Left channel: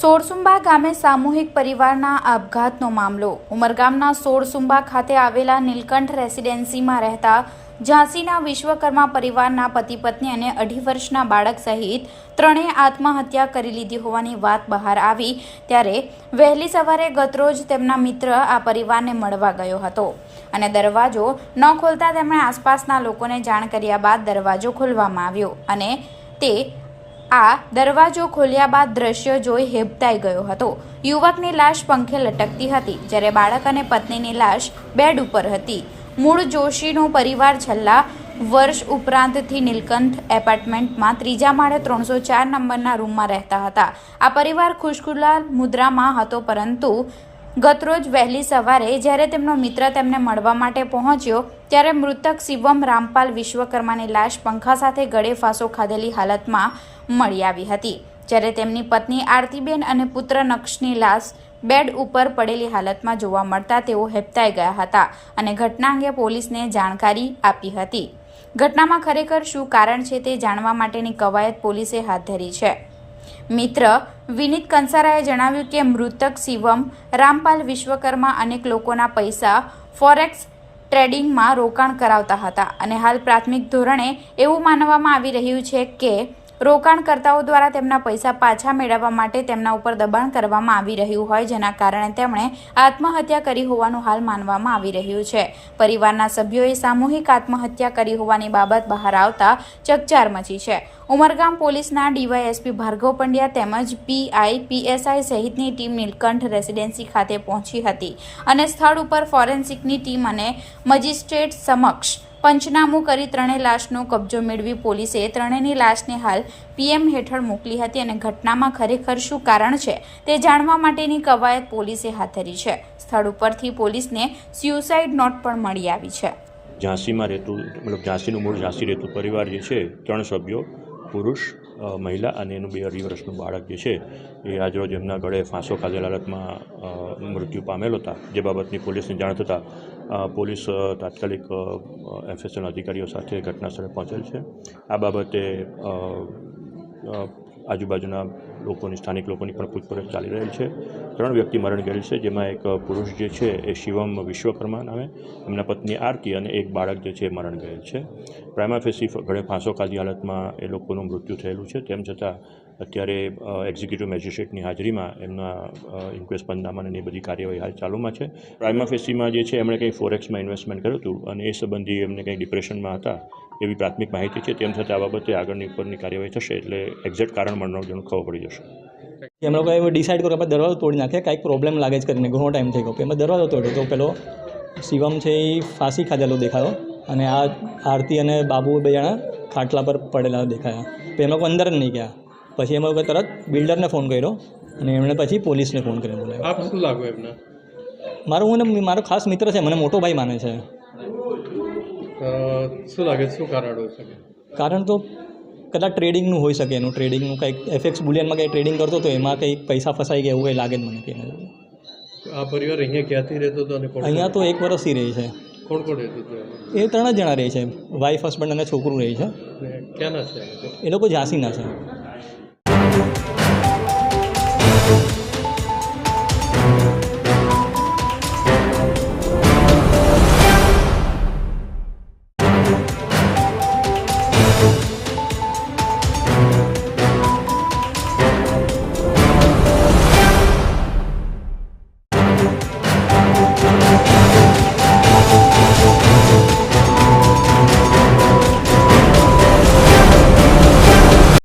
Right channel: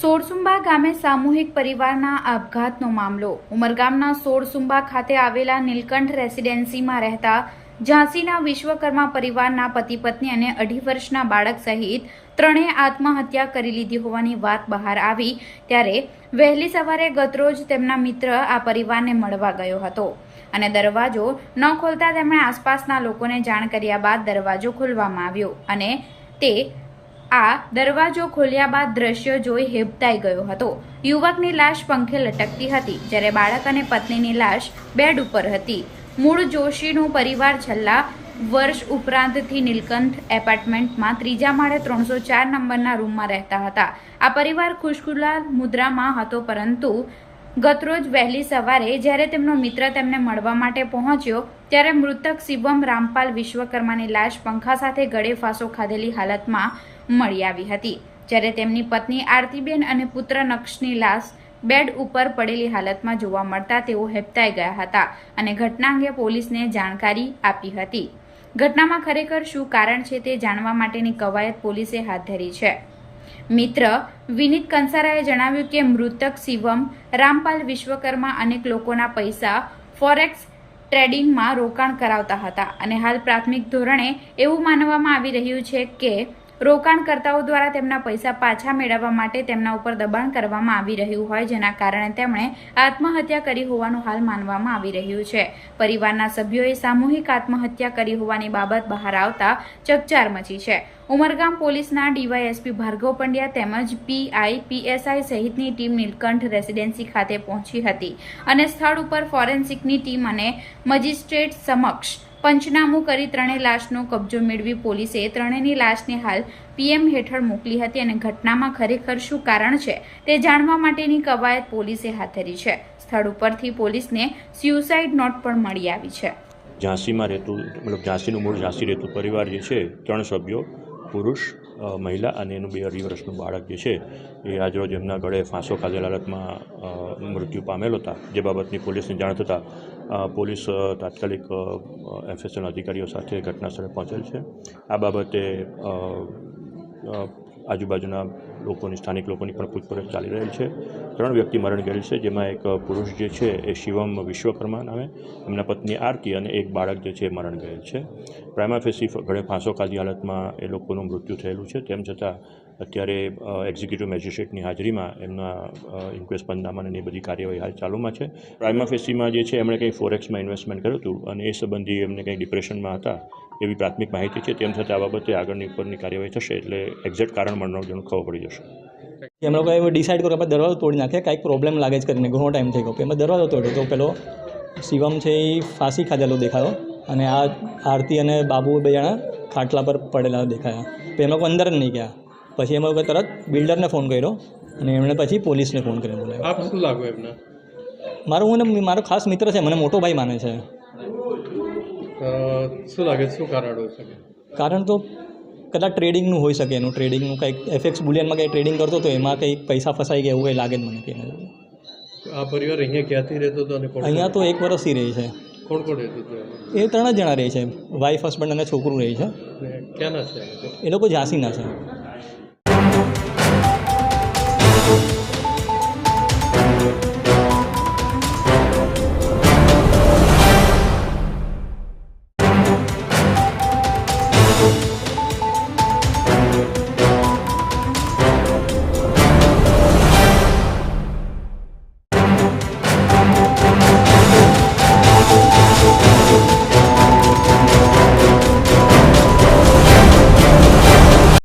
સોરસુંબા ગામે સામૂહિક પરિવારના આપઘાતનો મામલો. ઉમરગામના સોરસુંબા ખાતે આવેલા નીલકંઠ રેસિડેન્સીમાં રહેતા ઝાંસીના વિશ્વકર્મા પરિવારના પતિ પત્ની અને અઢી વર્ષના બાળક સહિત ત્રણેય આત્મહત્યા કરી લીધી હોવાની વાત બહાર આવી ત્યારે વહેલી સવારે ગતરોજ તેમના મિત્ર આ પરિવારને મળવા ગયો હતો. અને દરવાજો ન ખોલતા તેમણે આસપાસના લોકોને જાણ કર્યા બાદ દરવાજો ખોલવામાં આવ્યો અને તે આ દરવાજો ખોલ્યા બાદ દ્રશ્ય જોઈ હેબતાઈ ગયો હતો. યુવકની લાશ પંખે લટકતી હતી, જ્યારે બાળક અને પત્નીની લાશ બેડ ઉપર હતી. મૂળ જોશીનો પરિવાર છેલ્લા વર્ષ ઉપરાંતથી નીલકંઠ એપાર્ટમેન્ટમાં ત્રીજા માળે ત્રણસો ચાર નંબરના રૂમમાં રહેતા હતા. આ પરિવાર ખુશખુલાલ મુદ્રામાં હતો, પરંતુ ગતરોજ વહેલી સવારે જ્યારે તેમનો મિત્ર તેમને મળવા માટે પહોંચ્યો, ત્યારે મૃતક શિવમ રામપાલ વિશ્વકર્માની લાશ પંખા સાથે ગળે ફાંસો ખાધેલી હાલતમાં મળી આવી હતી. જ્યારે તેમની પત્ની આરતીબેન અને પુત્ર નક્ષની લાશ બેડ ઉપર પડેલી હાલતમાં જોવા મળતા તેઓ હેપતાઈ ગયા હતા અને ઘટના અંગે પોલીસને જાણકારી આપી હતી. ઘટનામાં ખરેખર શું કારણ છે તે જાણવા માટેની કવાયત પોલીસે હાથ ધરી છે. મિત્ર વિનીત કંસારાએ જણાવ્યું કે મૃતક શિવમ રામપાલ વિશ્વકર્મા અનેક લોકોના પૈસા ફોરેક્સ ટ્રેડિંગમાં રોકાણ કરાવતા હતા અને હાલ પ્રાથમિક ધોરણે એવું માનવામાં આવી રહ્યું છે કે રોકાણકર્તાઓ દ્વારા તેમના પૈસા પાછા મેળવવા માટે તેમના ઉપર દબાણ કરવામાં આવી રહ્યું હોય, જેના કારણે તેમણે આત્મહત્યા કરી હોવાનું હાલ માનવામાં આવી રહ્યું છે. પરિવારના સભ્યોએ સામૂહિક આત્મહત્યા કરી હોવાની બાબત બહાર આવતા ચકચાર મચી છે. ઉમરગામ પોલીસના ડીવાયએસપી ભાર્ગવ પંડ્યા તેમજ પીઆઈ પીએસઆઈ સહિતની ટીમ નીલકંઠ રેસિડેન્સી ખાતે પહોંચી હતી અને સ્થળ ઉપર ફોરેન્સિકની ટીમ અને મજિસ્ટ્રેટ સમક્ષ પંચનામું કરી ત્રણેય લાશનો કબજો મેળવી પોલીસે ત્રણેયની લાશને હાલ પીએમ હેઠળ મોકલી હતી અને ઘટનામાં ખરેખર શું કારણ છે તે જાણવા માટેની કવાયત પોલીસે હાથ ધરી છે. સ્થળ ઉપરથી પોલીસને સ્યુસાઇડ નોટ પણ મળી આવી છે. ઝાંસીમાં રહેતું, મતલબ ઝાંસીનું મૂળ ઝાંસી રહેતું પરિવાર જે છે, ત્રણ સભ્યો, પુરુષ મહિલા અને એનું બે અઢી વર્ષનું બાળક જે છે, એ આજરોજ એમના ગળે ફાંસો ખાધેલા હાલતમાં મૃત્યુ પામેલ હતા. જે બાબતની પોલીસને જાણ થતાં પોલીસ તાત્કાલિક એફએસએલ અધિકારીઓ સાથે ઘટના સ્થળે પહોંચેલ છે. આ બાબતે આજુબાજુના લોકોની, સ્થાનિક લોકોની પણ પૂછપરછ ચાલી રહેલ છે. ત્રણ વ્યક્તિ મરણ ગયેલ છે, જેમાં એક પુરુષ જે છે એ શિવમ વિશ્વકર્મા નામે, એમના પત્ની આરતી અને એક બાળક જે છે એ મરણ ગયેલ છે. પ્રાઇમા ફેસી ફાંસો ખાધી હાલતમાં એ લોકોનું મૃત્યુ થયેલું છે. તેમ છતાં અત્યારે એક્ઝિક્યુટિવ મેજિસ્ટ્રેટની હાજરીમાં એમના ઇન્ક્વેસ્ટ એ બધી કાર્યવાહી હાલ ચાલુમાં છે. પ્રાઇમા ફેસીમાં જે છે એમણે કંઈ ફોરેક્સમાં ઇન્વેસ્ટમેન્ટ કર્યું હતું અને એ સંબંધી એમને કંઈ ડિપ્રેશનમાં હતા? એવી પ્રાથમિક માહિતી છે તેમ છતાં આ બાબતે આગળની ઉપરની કાર્યવાહી થશે એટલે એક્ઝેક્ટ કારણ મનોરંજન ખબર પડી જશે. એમ લોકો એવું ડિસાઇડ કરો કે આપણે દરવાજો તોડી નાખે કાંઈક પ્રોબ્લેમ લાગે છે કરીને ઘણો ટાઈમ થઈ ગયો. એમાં દરવાજો તોડ્યો તો પેલો શિવમ છે એ ફાંસી ખાધેલો દેખાયો અને આ આરતી અને બાબુ બે જણા ખાટલા પર પડેલા દેખાયા. તો એમ લોકો અંદર જ નહીં ગયા. પછી એમ લોકો તરત બિલ્ડરને ફોન કર્યો અને એમણે પછી પોલીસને ફોન કર્યો બોલાવ્યો. આપ શું લાગો એમને? મારો હું મારો ખાસ મિત્ર છે મને મોટો ભાઈ માને છે. શું લાગે શું કારણ હોઈ શકે? કારણ તો કદાચ ટ્રેડિંગનું હોઈ શકે. એનું ટ્રેડિંગનું કંઈક એફએક્સ બુલિયનમાં કંઈ ટ્રેડિંગ કરતો તો એમાં કંઈક પૈસા ફસાઈ ગયા એવું કંઈ લાગે મને કે આ પરિવાર અહીંયા ક્યાંથી રહેતો હતો અહીંયા તો એક વર્ષથી રહે છે. કોણ કોણ એ ત્રણ જ જણા રહે છે. વાઈફ હસબન્ડ અને છોકરું રહે છે. ક્યાંના છે? એ લોકો ઝાંસીના છે.